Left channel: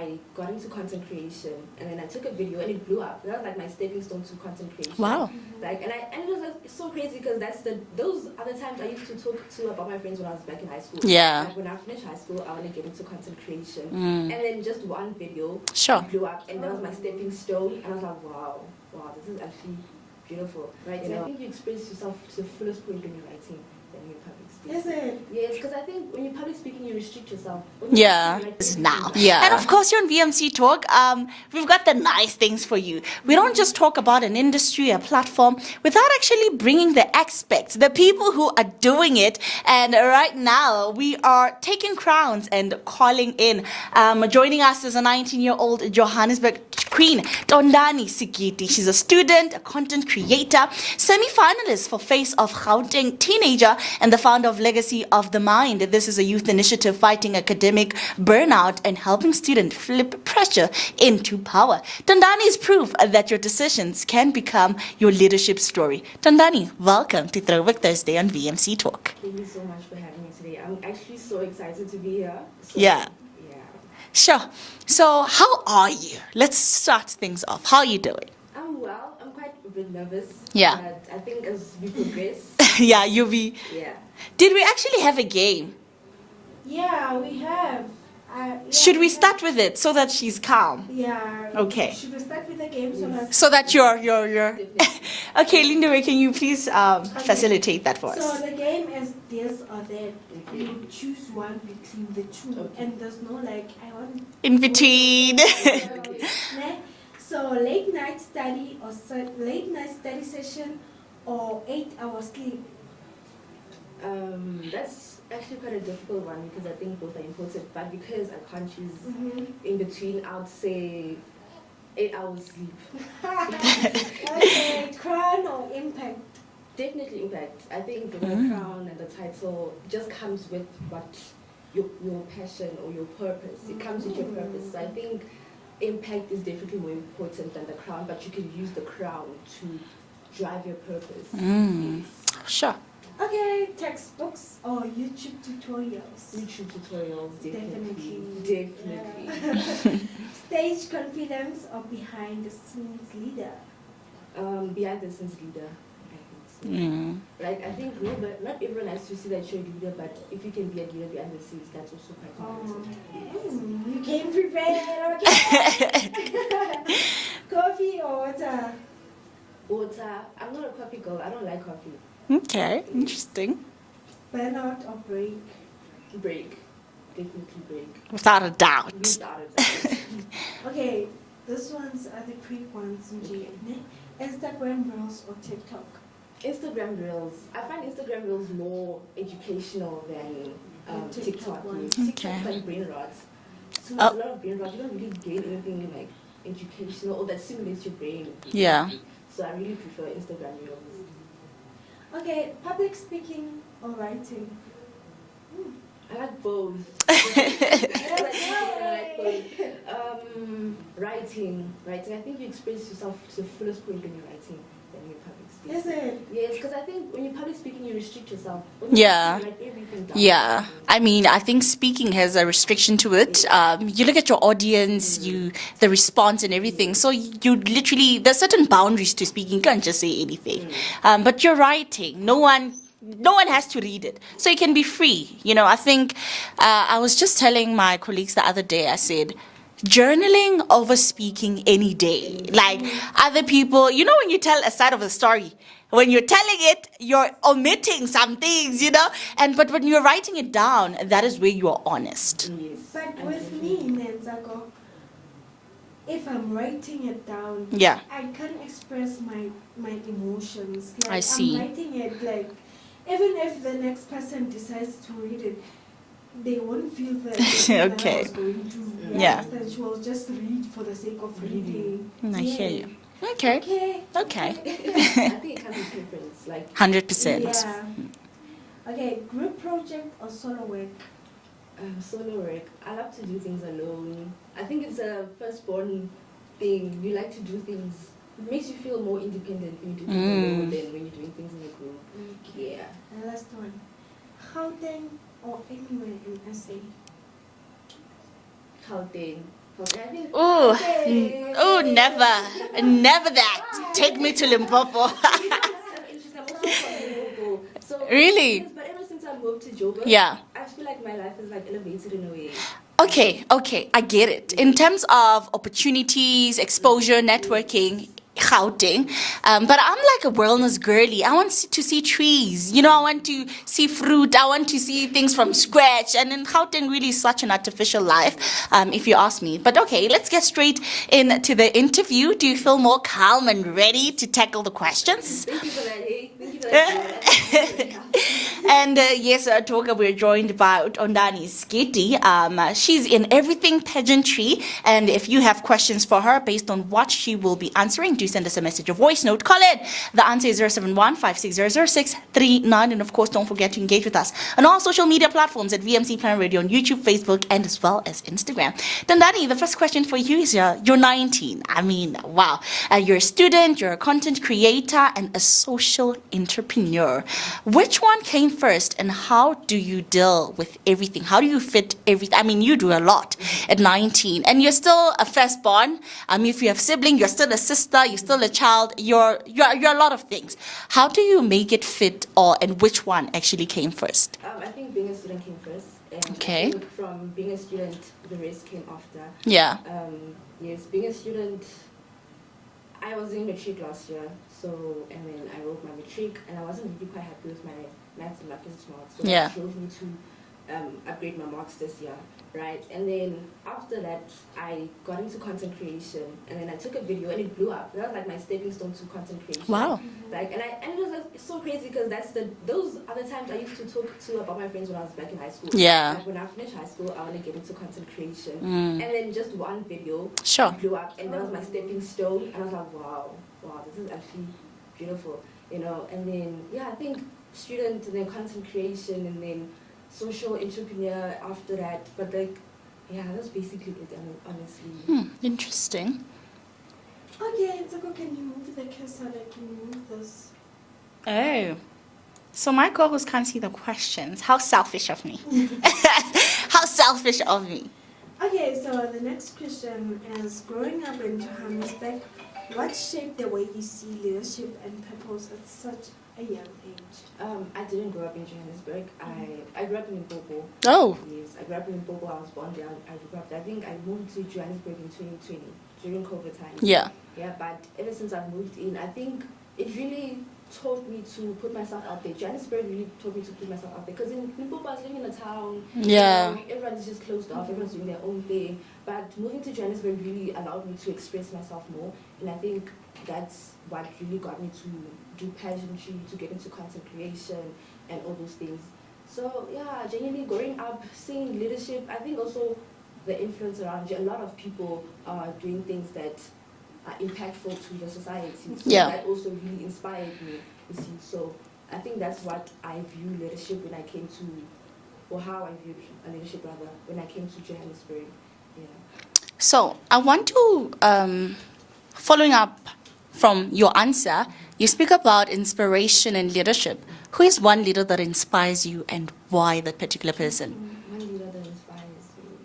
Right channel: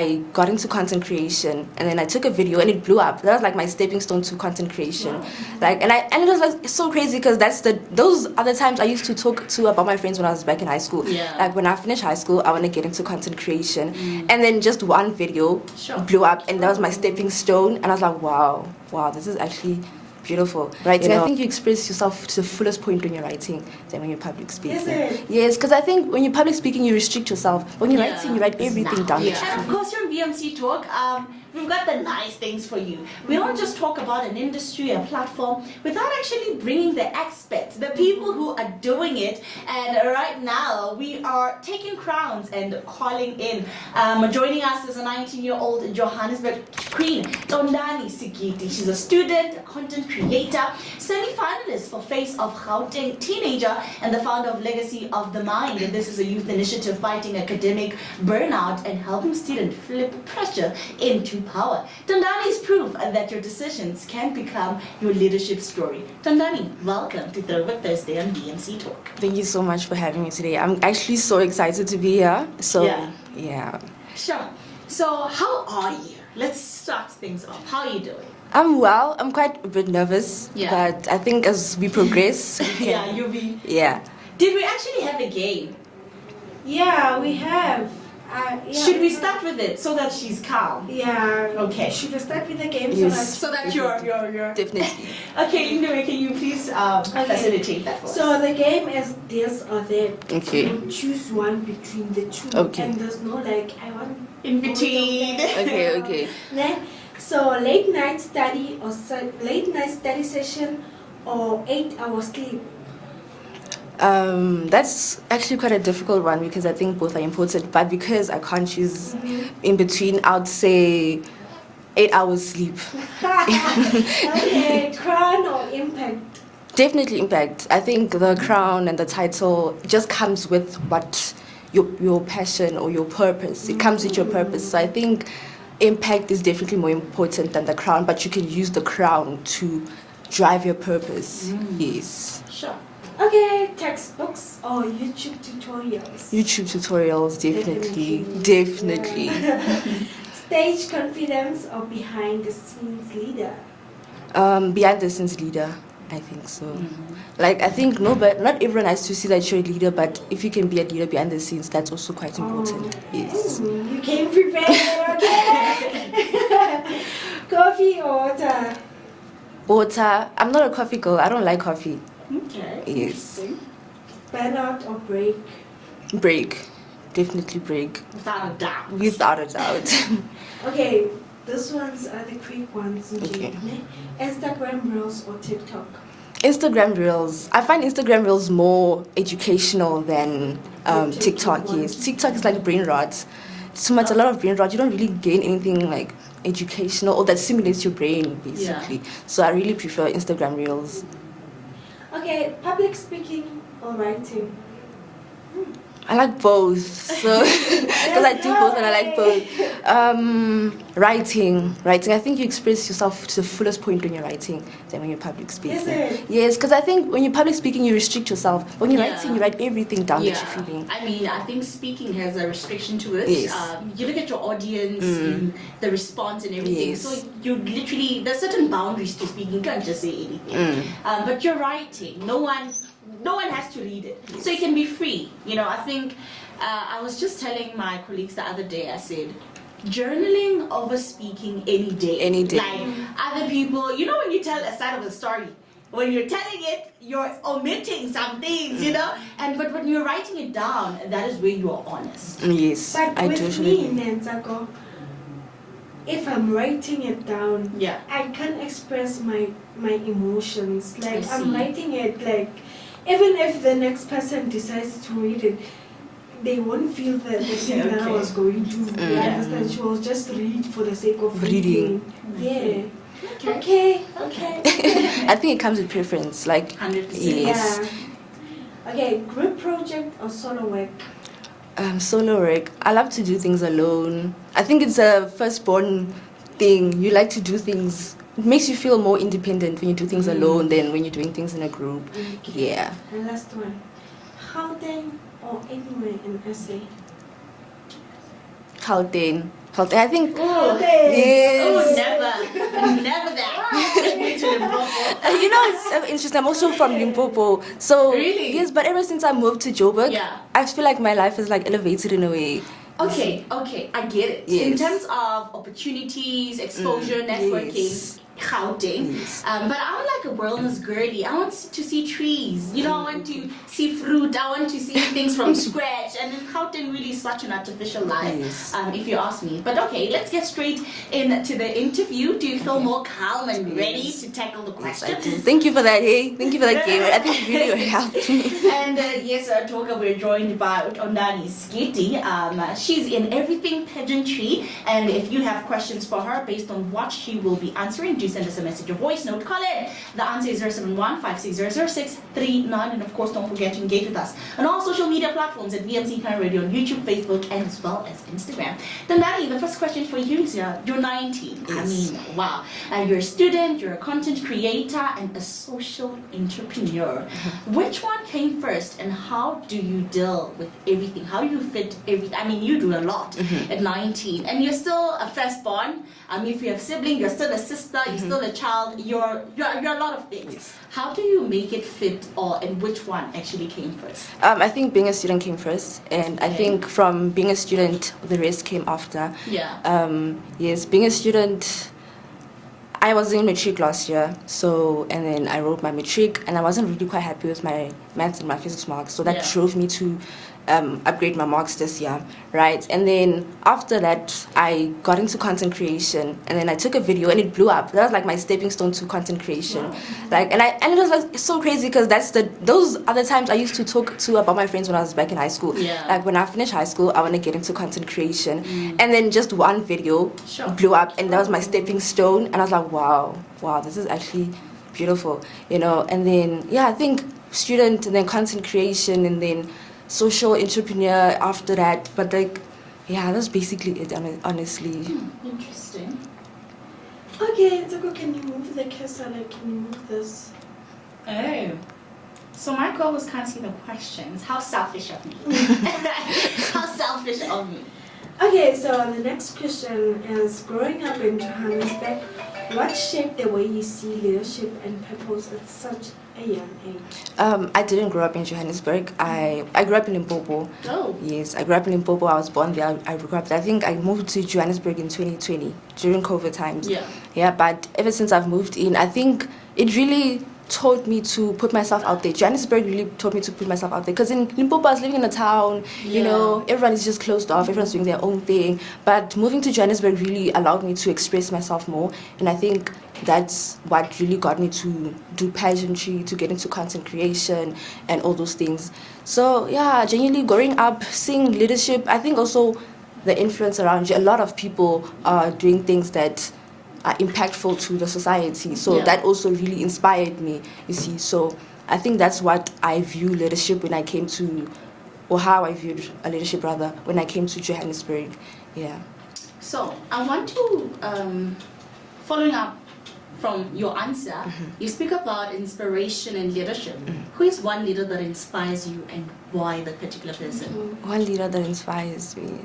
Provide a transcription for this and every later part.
I got into content creation, and then I took a video and it blew up. That was like my stepping stone to content creation. Wow. Like, and it was like so crazy because those other times I used to talk to about my friends when I was back in high school. Yeah. Like when I finished high school, I want to get into content creation, and then just one video blew up, and that was my stepping stone. And I was like, wow, this is actually beautiful. Right? I think you express yourself to the fullest point when you're writing than when you're public speaking. Is it? Yes, because I think when you're public speaking, you restrict yourself. When you're writing, you write everything down. Yeah. And of course, here on VMC Talk, we've got the nice things for you. We don't just talk about an industry, a platform, without actually bringing the experts, the people who are doing it. And right now, we are taking crowns and calling in. Joining us is a 19-year-old Johannesburg queen, Tondani Sigidi. She's a student, a content creator, semi-finalist for Face of Gauteng Teenager, and the founder of Legacy of the Mind. And this is a youth initiative fighting academic burnout and helping students flip pressure into power. Tondani is proof that your decisions can become your leadership story. Tondani, welcome to Throwback Thursday on VMC Talk. Thank you so much for having me today. I'm actually so excited to be here. So yeah. Sure. So how are you? Let's start things off. How are you doing? I'm well. I'm quite a bit nervous. Yeah. But I think as we progress... Yeah, you'll be... Yeah. Did we actually have a game? Yeah, we have. Should we start with it so that she's calm? Yeah. Okay. Should we start with the game? Yes. So that you're... Definitely. Okay, Linda, can you please facilitate that for us? So the game is this or that. Okay. You choose one between the two. Okay. And there's no like, I want... In between. Okay. Ne? So late night study or late night study session or 8-hour sleep. That's actually quite a difficult one because I think both are important. But because I can't choose in between, I would say 8 hours sleep. Okay, crown or impact? Definitely impact. I think the crown and the title just comes with what your passion or your purpose. It comes with your purpose. So I think impact is definitely more important than the crown, but you can use the crown to drive your purpose. Yes. Sure. Okay, textbooks or YouTube tutorials? YouTube tutorials, definitely. Stage confidence or behind the scenes leader? Behind the scenes leader, I think so. Like, I think not everyone has to see that you're a leader, but if you can be a leader behind the scenes, that's also quite important. Yes. You came prepared, okay? Coffee or water? Water. I'm not a coffee girl. I don't like coffee. Okay, Yes. interesting. Burnout or break? Break. Definitely break. Without a doubt. Without a doubt. Okay, these ones are the quick ones. Okay. Instagram Reels or TikTok? Instagram Reels. I find Instagram Reels more educational than TikTok. Yes. TikTok is like brain rot. So much, a lot of brain rot. You don't really gain anything like educational or that stimulates your brain, basically. Yeah. So I really prefer Instagram Reels. Okay, public speaking or writing? I like both. So because I do both and I like both. Writing. I think you express yourself to the fullest point when you're writing than when you're public speaking. Is it? Yes, because I think when you're public speaking, you restrict yourself. When you're writing, you write everything down. Yeah, I mean, I think speaking has a restriction to it. Yes. You look at your audience, the response and everything. Yes. So you literally, there's certain boundaries to speaking. You can't just say anything. But you're writing. No one has to read it. So you can be free. You know, I think I was just telling my colleagues the other day, I said, journaling over speaking any day. Any day. Like other people, you know, when you tell a side of a story, when you're telling it, you're omitting some things, you know? But when you're writing it down, that is where you are honest. Yes, But I with totally me, agree. Nenzako, if I'm writing it down, I can't express my emotions. Like I see. I'm writing it like, even if the next person decides to read it, they won't feel the thing that I was going to. You understand? She will just read for the sake of reading. Okay. Okay. I think it comes with preference, like 100%. Yeah. Okay, group project or solo work? Solo work. I love to do things alone. I think it's a firstborn thing. You like to do things. It makes you feel more independent when you do things alone than when you're doing things in a group. Okay. Yeah. And last one. Gauteng or anywhere in SA? Gauteng. And I think, Oh, yes. oh, never that. Take me to Limpopo. You know, it's so interesting. I'm also from Limpopo. So Really? yes, but ever since I moved to Joburg, Yeah. I feel like my life is like elevated in a way. Okay, I get it. In Yes. terms of opportunities, exposure, networking, yes. Gauteng. But I'm like a wellness girly. I want to see trees. You know, I want to see fruit. I want to see things from scratch. And in Gauteng really is such an artificial life, if you ask me. But okay, let's get straight into the interview. Do you feel more calm and ready to tackle the questions? Thank you for that, hey. Thank you for that, Gabriel. I think it really helped. And yes, our talker, we're joined by Tondani Sigidi. She's in everything pageantry. And if you have questions for her based on what she will be answering, do send us a message or voice note. Call in. The answer is 071-560-0639. And of course, don't forget to engage with us on all social media platforms at VMC Planet Radio on YouTube, Facebook, and as well as Instagram. Tondani, the first question for you is you're 19. Yes. I mean, wow. You're a student, you're a content creator, and a social entrepreneur. Which one came first, and how do you deal with everything? How do you fit everything? I mean, you do a lot at 19, and you're still a firstborn. If you have siblings, you're still a sister, you're still a child, you're a lot of things. How do you make it fit, and which one actually came first? I think being a student came first, and I think from being a student, the rest came after. Yeah. Yes, being a student, I was in matric last year, and then I wrote my matric, and I wasn't really quite happy with my maths and my physics marks, so that drove me to upgrade my marks this year, right? And then after that, I got into content creation, and then I took a video, and it blew up. That was like my stepping stone to content creation. Wow. Like, and it was like so crazy because those other times I used to talk to about my friends when I was back in high school. Yeah. Like when I finished high school, I want to get into content creation, and then just one video blew up, and that was my stepping stone. And I was like, wow, this is actually beautiful, you know. And then I think student, and then content creation, and then social entrepreneur after that. But like, that's basically it, honestly. Interesting. Okay, Zoko, can you move the cursor? Like, can you move this? Oh. So my co-host can't see the questions. How selfish of me. How selfish of me. Okay, so the next question is, growing up in Johannesburg, what shaped the way you see leadership and purpose at such a young age? I didn't grow up in Johannesburg. I grew up in Limpopo. Oh. Yes, I grew up in Limpopo. I was born there. I grew up there. I think I moved to Johannesburg in 2020 during COVID times. Yeah. Yeah, but ever since I've moved in, I think it really taught me to put myself out there. Johannesburg really taught me to put myself out there, because in Limpopo I was living in a town, you know, everyone is just closed off, everyone's doing their own thing. But moving to Johannesburg really allowed me to express myself more, and I think that's what really got me to do pageantry, to get into content creation and all those things. So genuinely growing up, seeing leadership, I think also the influence around you. A lot of people are doing things that are impactful to the society. So that also really inspired me, you see. So I think that's what I view leadership when I came to, or how I viewed a leadership rather, when I came to Johannesburg. Yeah. So I want to, following up from your answer, you speak about inspiration and leadership. Who is one leader that inspires you, and why that particular person? One leader that inspires me.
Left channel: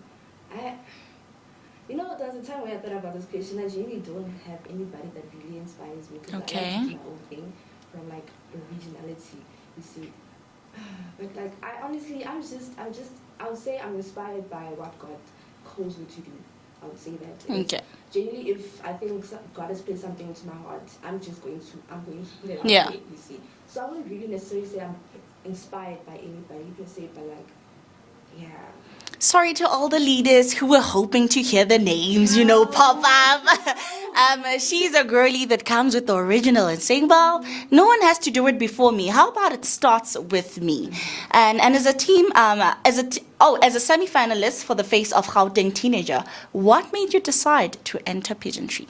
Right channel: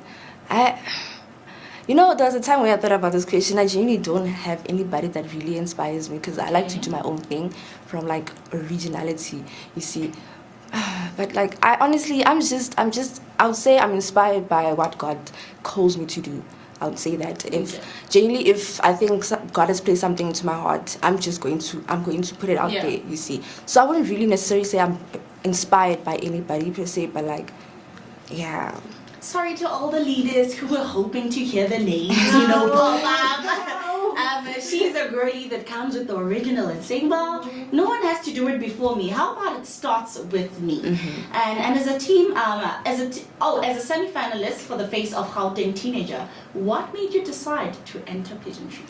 You know, there was a time where I thought about this question. I genuinely don't have anybody that really inspires me, because I like to do my own thing from like originality, you see. But like, I would say I'm inspired by what God calls me to do. I would say that. Genuinely, if I think God has placed something into my heart, I'm going to put it out there, you see. So I wouldn't really necessarily say I'm inspired by anybody per se, but like, Sorry to all the leaders who were hoping to hear the names, pop up. She's a girlie that comes with the original and saying, well, no one has to do it before me. How about it starts with me? And as a team, as a semi-finalist for the Face of Gauteng Teenager, what made you decide to enter pageantry?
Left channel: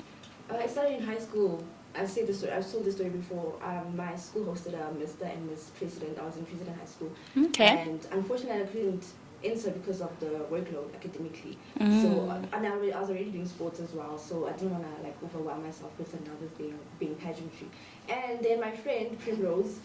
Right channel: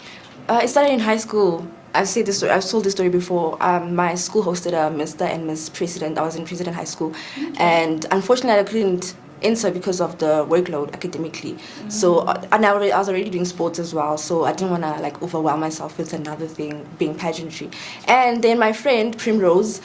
It started in high school. I've told this story before. My school hosted a Mr. and Miss President. I was in President High School, and unfortunately I couldn't enter because of the workload academically. So and I was already doing sports as well, so I didn't want to like overwhelm myself with another thing, being pageantry. And then my friend Primrose,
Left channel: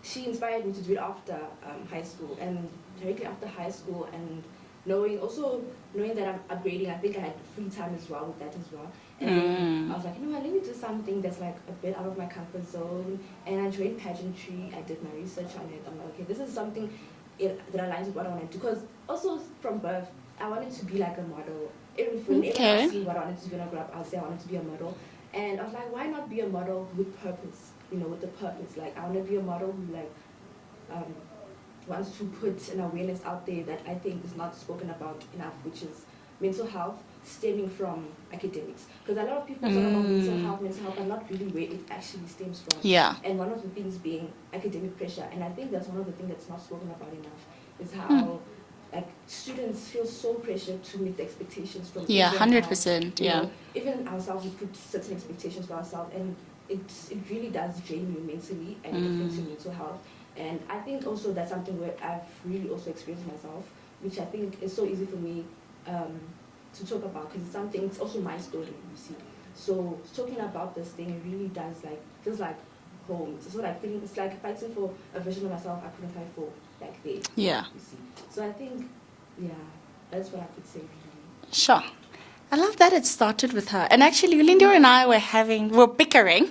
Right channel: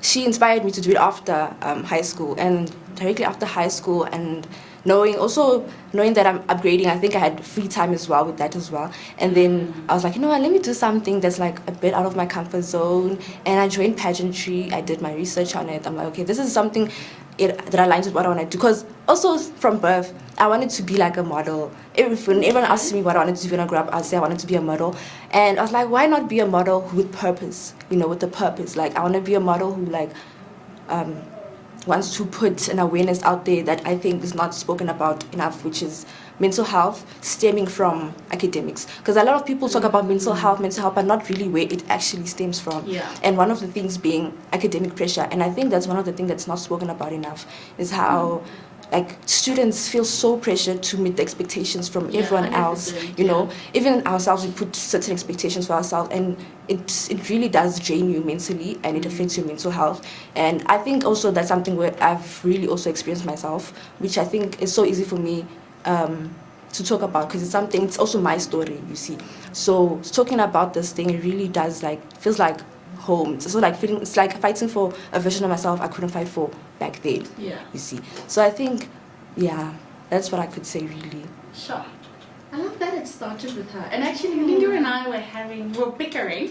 she inspired me to do it after high school, and directly after high school, and knowing that I'm upgrading, I think I had free time as well with that as well. And then I was like, you know what, let me do something that's like a bit out of my comfort zone. And I joined pageantry. I did my research on it. I'm like, okay, this is something that aligns with what I want to do. Because also from birth, I wanted to be like a model. Everyone asked me what I wanted to do when I grew up, I'd say I wanted to be a model. And I was like, why not be a model with purpose? With a purpose. Like, I want to be a model who like wants to put an awareness out there that I think is not spoken about enough, which is mental health stemming from academics. Because a lot of people talk about mental health, but not really where it actually stems from. Yeah. And one of the things being academic pressure. And I think that's one of the things that's not spoken about enough, is how like students feel so pressured to meet the expectations from everyone else. Even ourselves, we put certain expectations for ourselves, and it really does drain you mentally, and it affects your mental health. And I think also that's something where I've really also experienced myself, which I think is so easy for me to talk about, because it's also my story, you see. So talking about this thing, it really does feels like home. It's it's like fighting for a version of myself I couldn't fight for back then. Yeah. You see. So I think, that's what I could say really. Sure. I love that it started with her. And actually, Linda and I were bickering.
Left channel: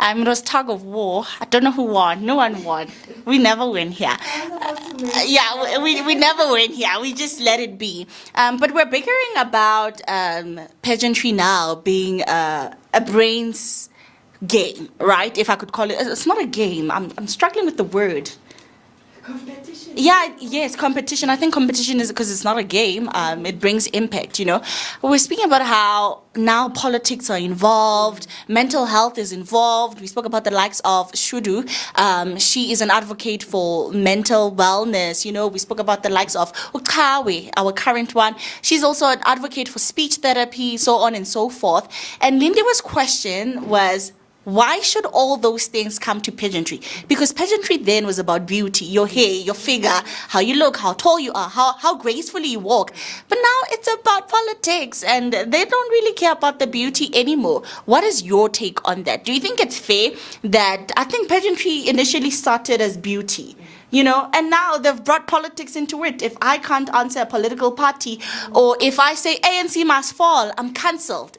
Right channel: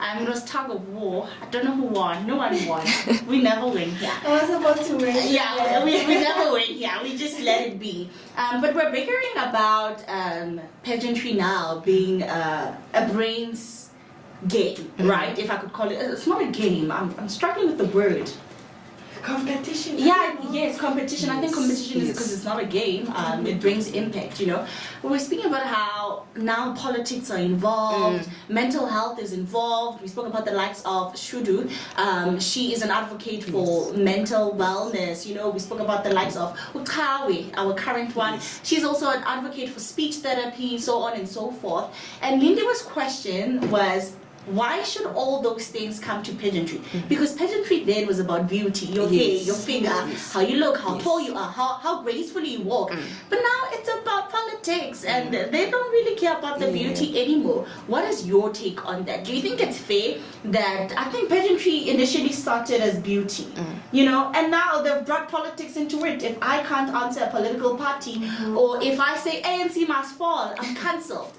It was tug of war. I don't know who won. No one won. We never win here. I was about to win. Yeah, we never win here. We just let it be. But we're bickering about pageantry now being a brains game, right? If I could call it. It's not a game. I'm struggling with the word. Competition. Yeah, yes, competition. I think competition is because it's not a game. It brings impact, We're speaking about how now politics are involved, mental health is involved. We spoke about the likes of Shudu. She is an advocate for mental wellness. We spoke about the likes of Ukawe, our current one. She's also an advocate for speech therapy, so on and so forth. And Lindima's question was, why should all those things come to pageantry? Because pageantry then was about beauty, your hair, your figure, how you look, how tall you are, how gracefully you walk. But now it's about politics, and they don't really care about the beauty anymore. What is your take on that? Do you think it's fair that, I think pageantry initially started as beauty, and now they've brought politics into it. If I can't answer a political party, or if I say ANC must fall, I'm cancelled,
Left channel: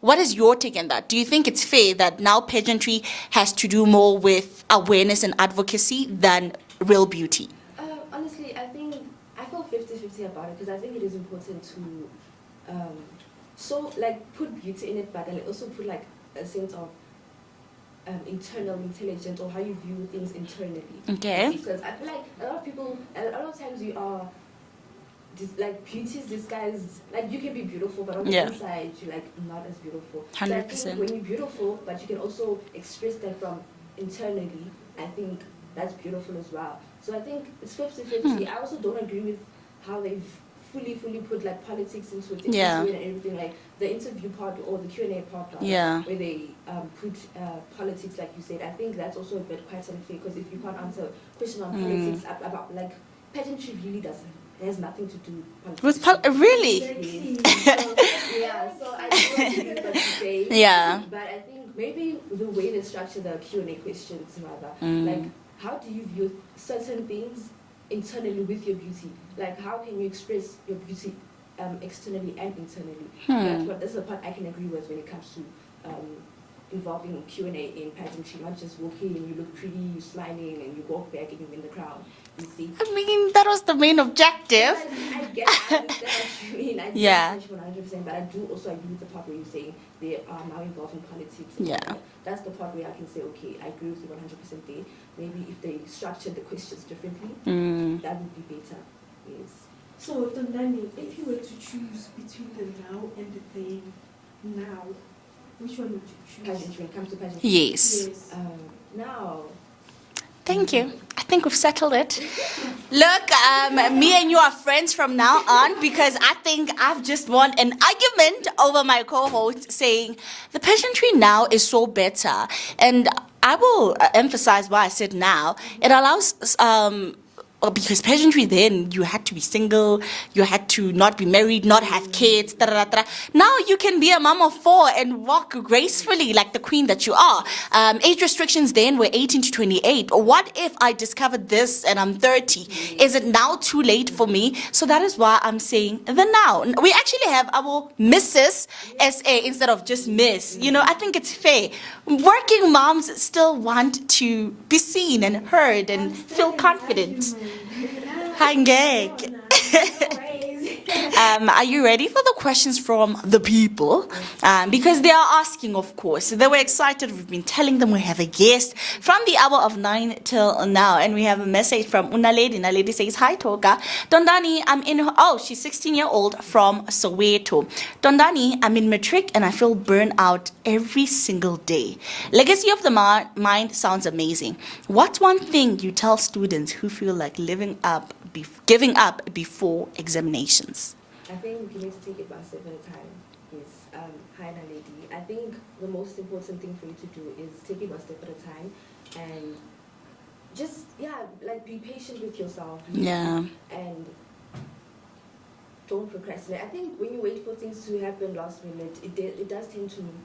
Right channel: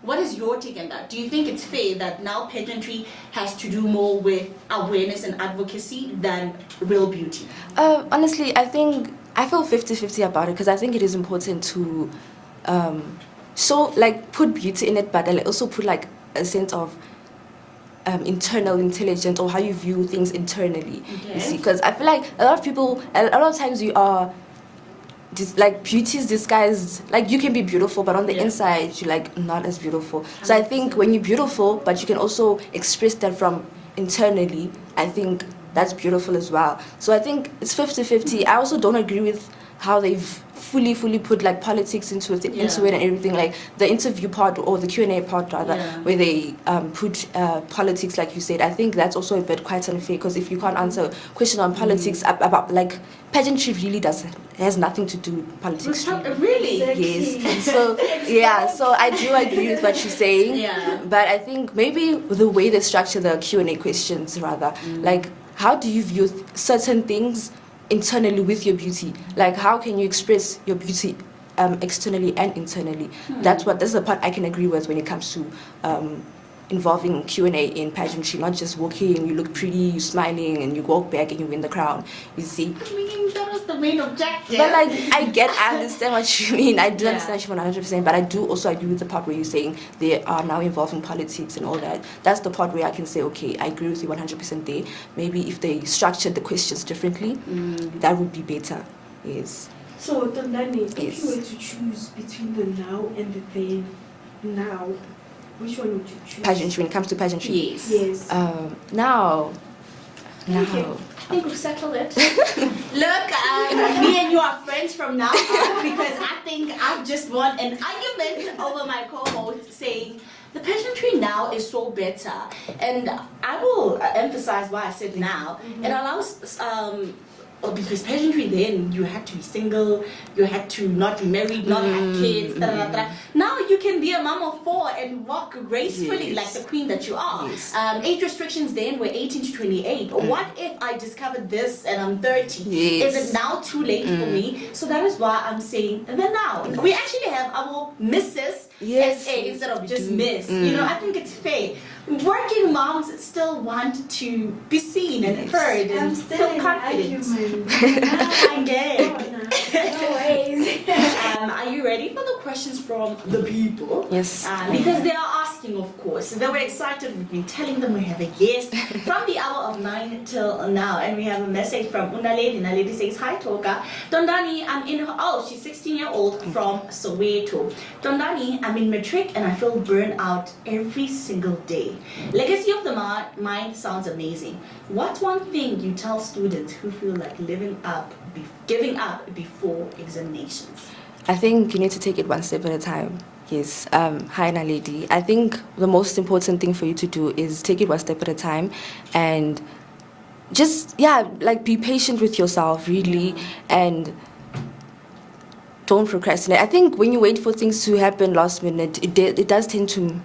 What is your take on that? Do you think it's fair that now pageantry has to do more with awareness and advocacy than real beauty? Honestly, I feel 50-50 about it, because I think it is important to put beauty in it, but also put a sense of internal intelligence, or how you view things internally. Okay. Because I feel like a lot of times you are beauty is disguised. You can be beautiful, but on the inside you're not as beautiful. 100%. So I think when you're beautiful, but you can also express that from internally, I think that's beautiful as well. So I think it's 50-50. I also don't agree with how they've fully put politics into it and everything, the interview part, or the Q&A part rather, where they put politics, like you said. I think that's also a bit quite unfair, because if you can't answer a question on politics about pageantry really has nothing to do with politics. Really? Yes. So I do agree with what you're saying. Yeah. But I think maybe the way they structure the Q&A questions rather, how do you view certain things internally with your beauty? How can you express your beauty externally and internally? That's the part I can agree with when it comes to involving Q&A in pageantry, not just walking, you look pretty, you're smiling, and you walk back and you win the crown, you see. I mean, that was the main objective. But I understand what you mean. I do understand you 100%, but I do also agree with the part where you're saying they are now involving politics and all that. That's the part where I can say, okay, I agree with you 100% there. Maybe if they structured the questions differently, that would be better. Yes. So, Tondani, if you were to choose between the now and the then, now, which one would you choose? Pageantry, when it comes to pageantry? Yes. Now. Thank you. I think we've settled it. Look, me and you are friends from now on, because I think I've just won an argument over my co-host saying the pageantry now is so better. And I will emphasize why I said now. It allows because pageantry then you had to be single, you had to not be married, not have kids. Now you can be a mom of 4 and walk gracefully like the queen that you are. Age restrictions then were 18 to 28. But what if I discovered this and I'm 30? Is it now too late for me? So that is why I'm saying the now. We actually have our Mrs. SA instead of just Miss. You know, I think it's fair. Working moms still want to be seen and heard and feel confident. I'm gay. Are you ready for the questions from the people? Yes. Because they are asking, of course. They were excited. We've been telling them we have a guest from the hour of 9 till now. And we have a message from Unaledi. Unaledi says, hi, Toga. Tondani, she's 16-year-old from Soweto. Tondani, I'm in matric and I feel burnt out every single day. Legacy of the mind sounds amazing. What's one thing you tell students who feel like giving up before examinations? I think you need to take it one step at a time. Yes. Hi, Naledi. I think the most important thing for you to do is take it one step at a time and just, be patient with yourself, really, and don't procrastinate. I think when you wait for things to happen last minute, it does tend to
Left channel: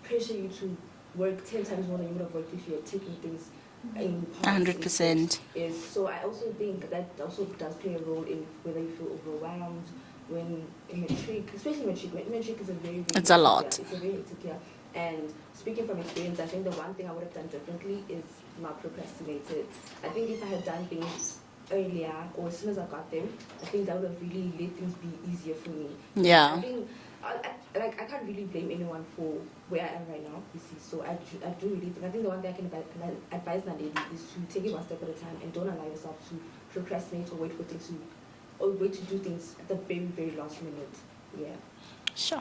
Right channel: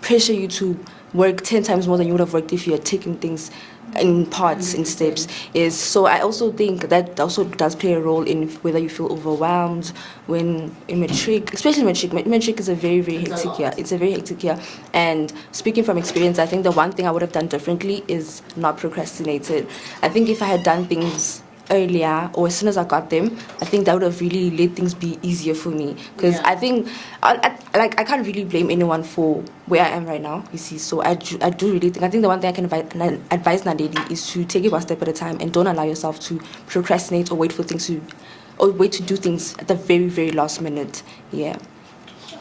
pressure you to work 10 times more than you would have worked if you had taken things in parts, 100%. In steps. Yes. So I also think that also does play a role in whether you feel overwhelmed when in matric, especially matric. Matric is a very, very hectic year. It's a very hectic year. And speaking from experience, I think the one thing I would have done differently is not procrastinated. I think if I had done things earlier or as soon as I got them, I think that would have really let things be easier for me. Because I think, I can't really blame anyone for where I am right now, you see. So I do really think, I think the one thing I can advise Nandedi is to take it one step at a time and don't allow yourself to procrastinate or wait to do things at the very, very last minute. Yeah. Sure.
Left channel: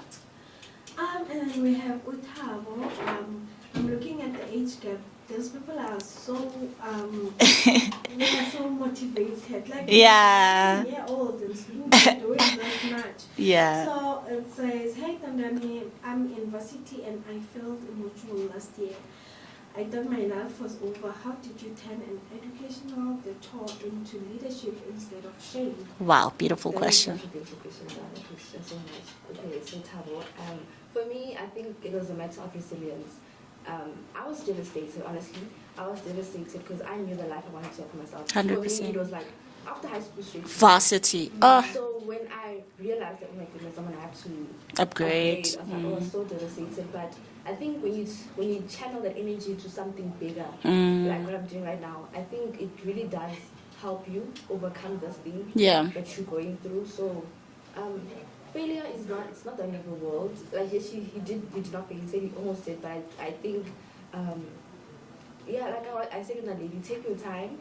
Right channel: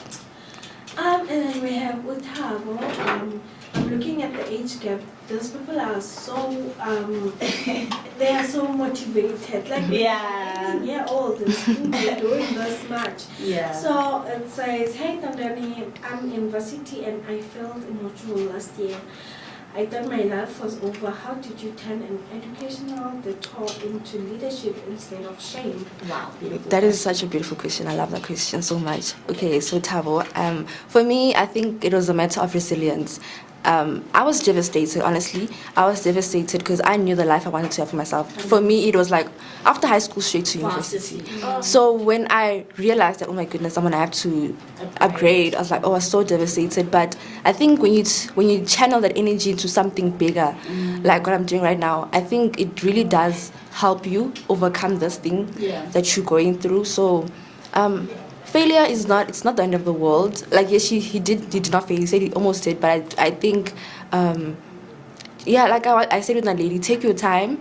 And then we have Utabo. I'm looking at the age gap. Those people are so they are so motivated. Like old and they're doing this much. Yeah. So it says, hey Tondani, I'm in university and I failed in module last year. I thought my life was over. How did you turn an educational detour into leadership instead of shame? Wow, beautiful. That is such a beautiful question. I love that question so much. Okay, so Tabo, for me, I think it was a matter of resilience. I was devastated, honestly. I was devastated because I knew the life I wanted to have for myself. 100%. For me, it was like after high school, straight to varsity. So when I realized that, oh my goodness, I'm gonna have to upgrade, I was like, I was so devastated. But I think when you channel that energy into something bigger, like what I'm doing right now, I think it really does help you overcome this thing that you're going through. So. Failure is not the end of the world. Like, yes, he did not fail. He said he almost did, but I think, like I said with my lady, take your time,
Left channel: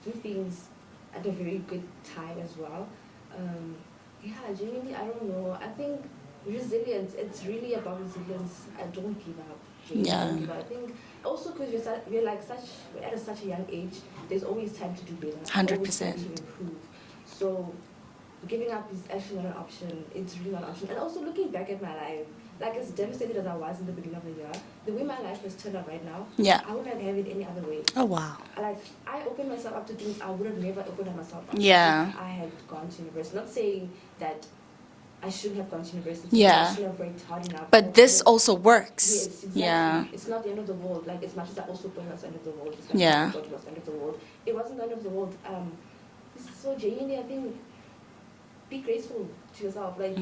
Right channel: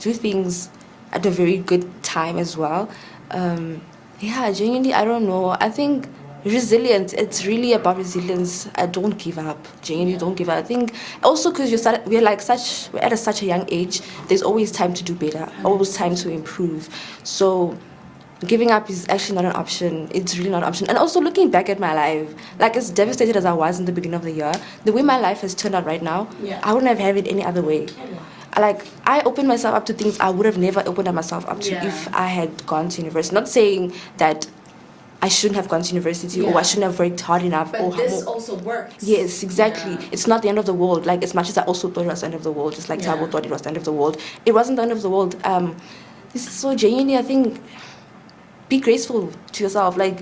do things at a very good time as well. Genuinely, I don't know. I think resilience, it's really about resilience. Don't give up. Genuinely, don't give up. I think also because we're at such a young age, there's always time to do better, 100%. Always time to improve. So giving up is actually not an option. It's really not an option. And also looking back at my life, like as devastated as I was in the beginning of the year, the way my life has turned out right now, I wouldn't have had it any other way. Oh, wow. Like, I opened myself up to things I would have never opened myself up to if I had gone to university. Not saying that I shouldn't have gone to university or I shouldn't have worked hard enough. But this also works. Yes, exactly. Yeah. It's not the end of the world. Like, as much as I also thought it was the end of the world, just like Tabo thought it was the end of the world. It wasn't the end of the world. This is so genuinely, I think, be graceful to yourself. Like,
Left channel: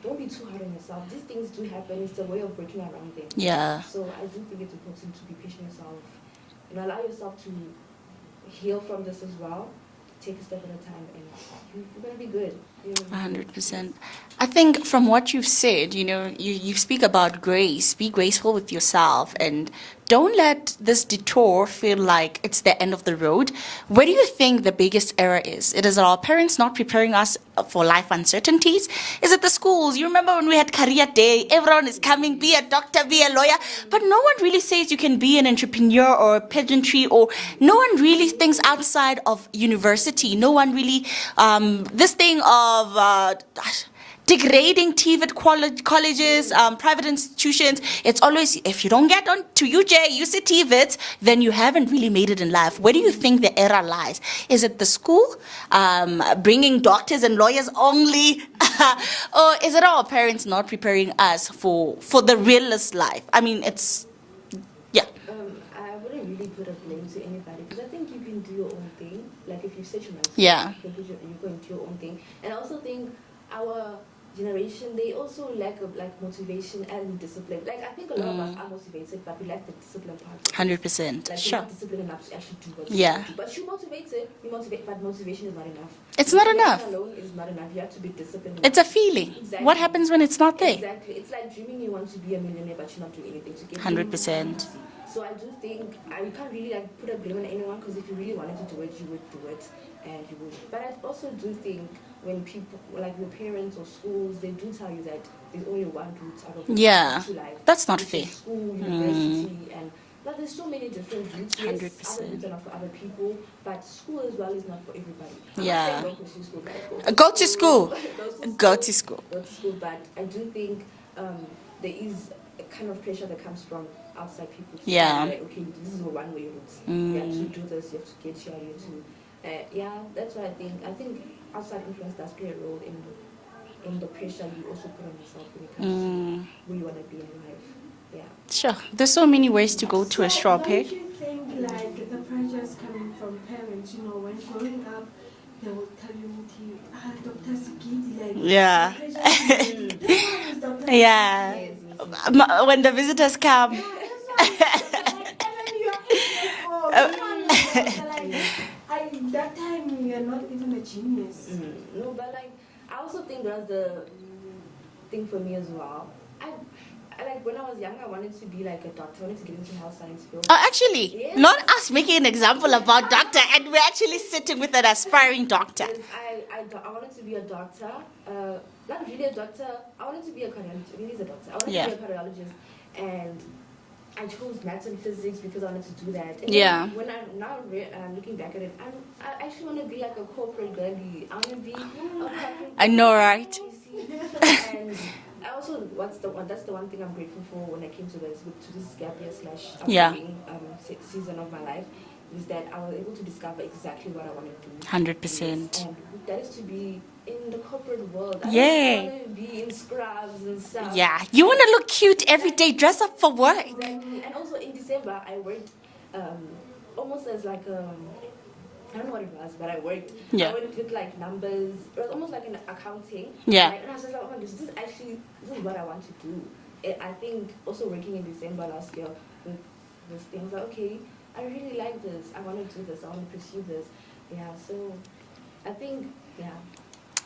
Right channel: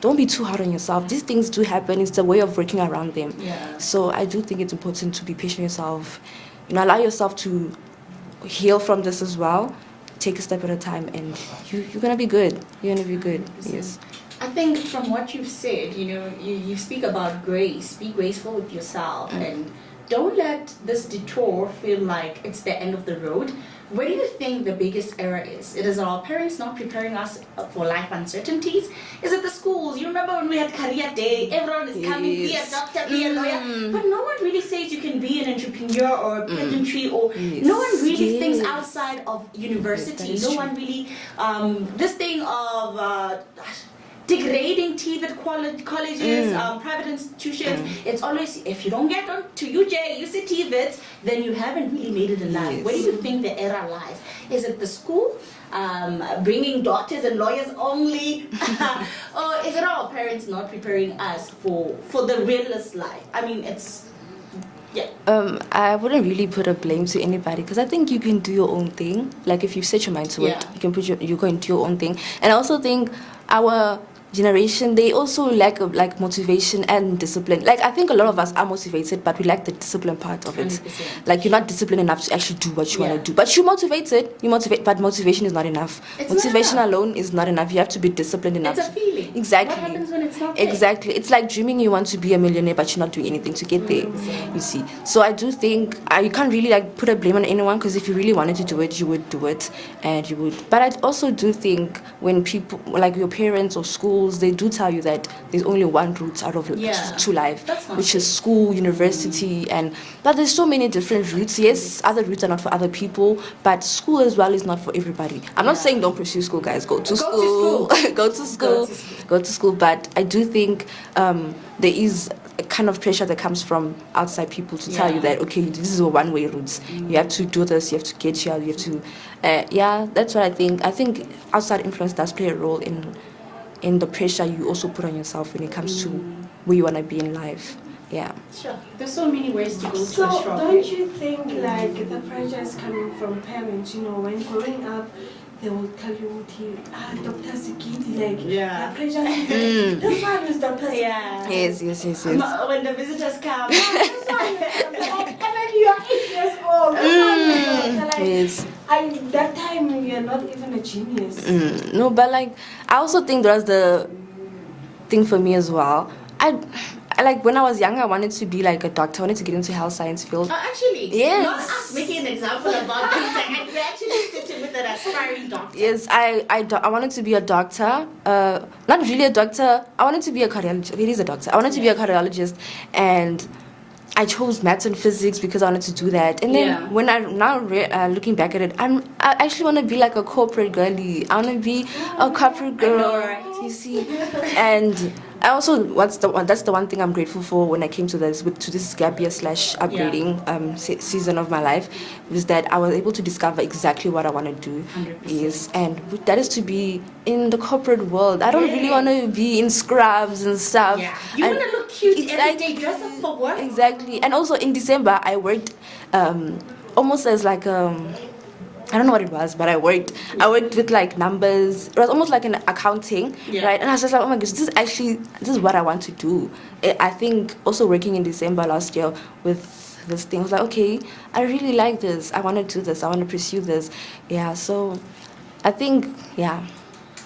don't be too hard on yourself. These things do happen. It's the way of working around them. Yeah. So I do think it's important to be patient with yourself. Allow yourself to heal from this as well. Take a step at a time, and you're gonna be good. You're gonna be 100%. Good. Yes. I think from what you've said, you speak about grace. Be graceful with yourself and don't let this detour feel like it's the end of the road. Where do you think the biggest error is? It is our parents not preparing us for life uncertainties? Is it the schools? You remember when we had career day, everyone is coming, be a doctor, be a lawyer, but no one really says you can be an entrepreneur or a pageantry, or no one really thinks outside of university. No one really, this thing of degrading TVET colleges, private institutions. It's always, if you don't get on to UJ, TVET, then you haven't really made it in life. Yes. Where do you think the error lies? Is it the school, bringing doctors and lawyers only, or is it our parents not preparing us for the realist life? I mean, it's, yeah. I wouldn't really put a blame to anybody because I think you can do your own thing. Like if you set your mind to Yeah. it, you go and do your own thing. And I also think our generation, they also lack of like motivation and discipline. Like I think a lot of us are motivated, but we lack the discipline part of it. 100%. Like you're not disciplined enough to actually do what you Yeah. want to do. But you're motivated. You motivate, but motivation is not enough. It's not motivation enough. alone is not enough. You have to be disciplined enough. It's a feeling. Exactly. What happens when it's not there? Exactly. It's like dreaming you want to be a millionaire, but you're not doing anything to get there. 100%. You see. So I do think you can't really like put a blame on anyone because if you really wanted to do it, you would do it, and you would. But I also do think when people like your parents or schools, they do tell you that there's only one route out of Yeah. to life. That's not which fair. is school, university, but there's so many different routes. Yes, other routes are not for other people, but school as well is not for everybody. I'm not Yeah. saying don't pursue school, guys. Go to Go to school. Go to school. Go to school. Go to school. But I do think there is a kind of pressure that comes from outside people to tell you Yeah. that, okay, this is a one-way route. You have to do this, you have to get here, you have to... that's what I think. I think outside influence does play a role in the pressure you also put on yourself when it comes to where you want to be in life. Yeah. Sure. There's so many ways to go to a straw don't pit. you think like the pressure is coming from parents? You know, when growing up, they will tell you, Dr. Sigidi, like, Yeah. the pressure is this one is Dr. Yeah. Yes. When the visitors come. This one is like, and then you are 8 years old. This one is like, Yes. that time you're not even a genius. No, but like I also think that was the thing for me as well. I like when I was young, I wanted to be like a doctor. I wanted to get into health science field. Actually, Yes. not us making an example about doctor, and we're actually sitting with an aspiring doctor. Yes, I wanted to be a doctor. Not really a doctor. I wanted to be a cardiologist. It is a doctor. I wanted to be a cardiologist, and I chose maths and physics because I wanted to do that. And then when I'm now looking back at it, I actually want to be like a corporate girly. I want to be a corporate girl. I know, right? You see, and I also that's the one thing I'm grateful for when I came to this gap year / upgrading season of my life, was that I was able to discover exactly what I want to do. 100%. Yes, and that is to be in the corporate world. I don't really want to be in scrubs and stuff. Yeah, you want to look cute every day, dress up for work. Exactly. And also in December, I worked almost as like I don't know what it was, but I worked with like numbers. It was almost like an accounting, right? And I was just like, oh my gosh, this is what I want to do. I think also working in December last year with this thing, I was like, okay, I really like this. I want to do this. I want to pursue this. Yeah, so I think,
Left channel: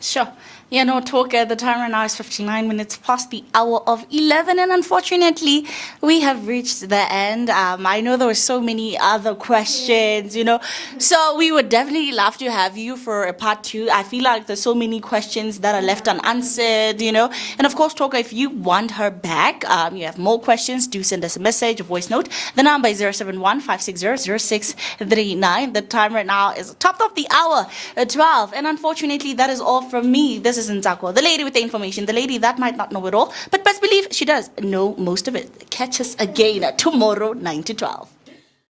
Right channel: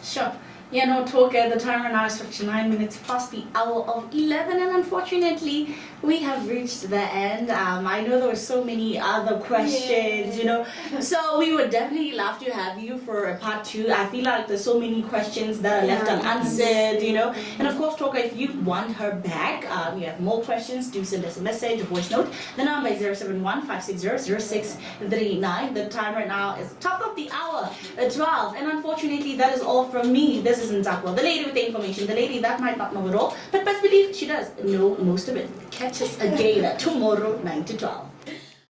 Sure. You know, Talker, the time right now is 59 minutes past the hour of 11, and unfortunately, we have reached the end. I know there were so many other questions, you know, so we would definitely love to have you for a part 2. I feel like there's so many questions that are left unanswered, you know, and of course, Talker, if you want her back, you have more questions, do send us a message, a voice note. The number is 071-560-0639. The time right now is top of the hour, 12, and unfortunately, that is all from me. This is Nzako, the lady with the information, the lady that might not know it all, but best believe she does know most of it. Catch us again tomorrow, 9 to 12.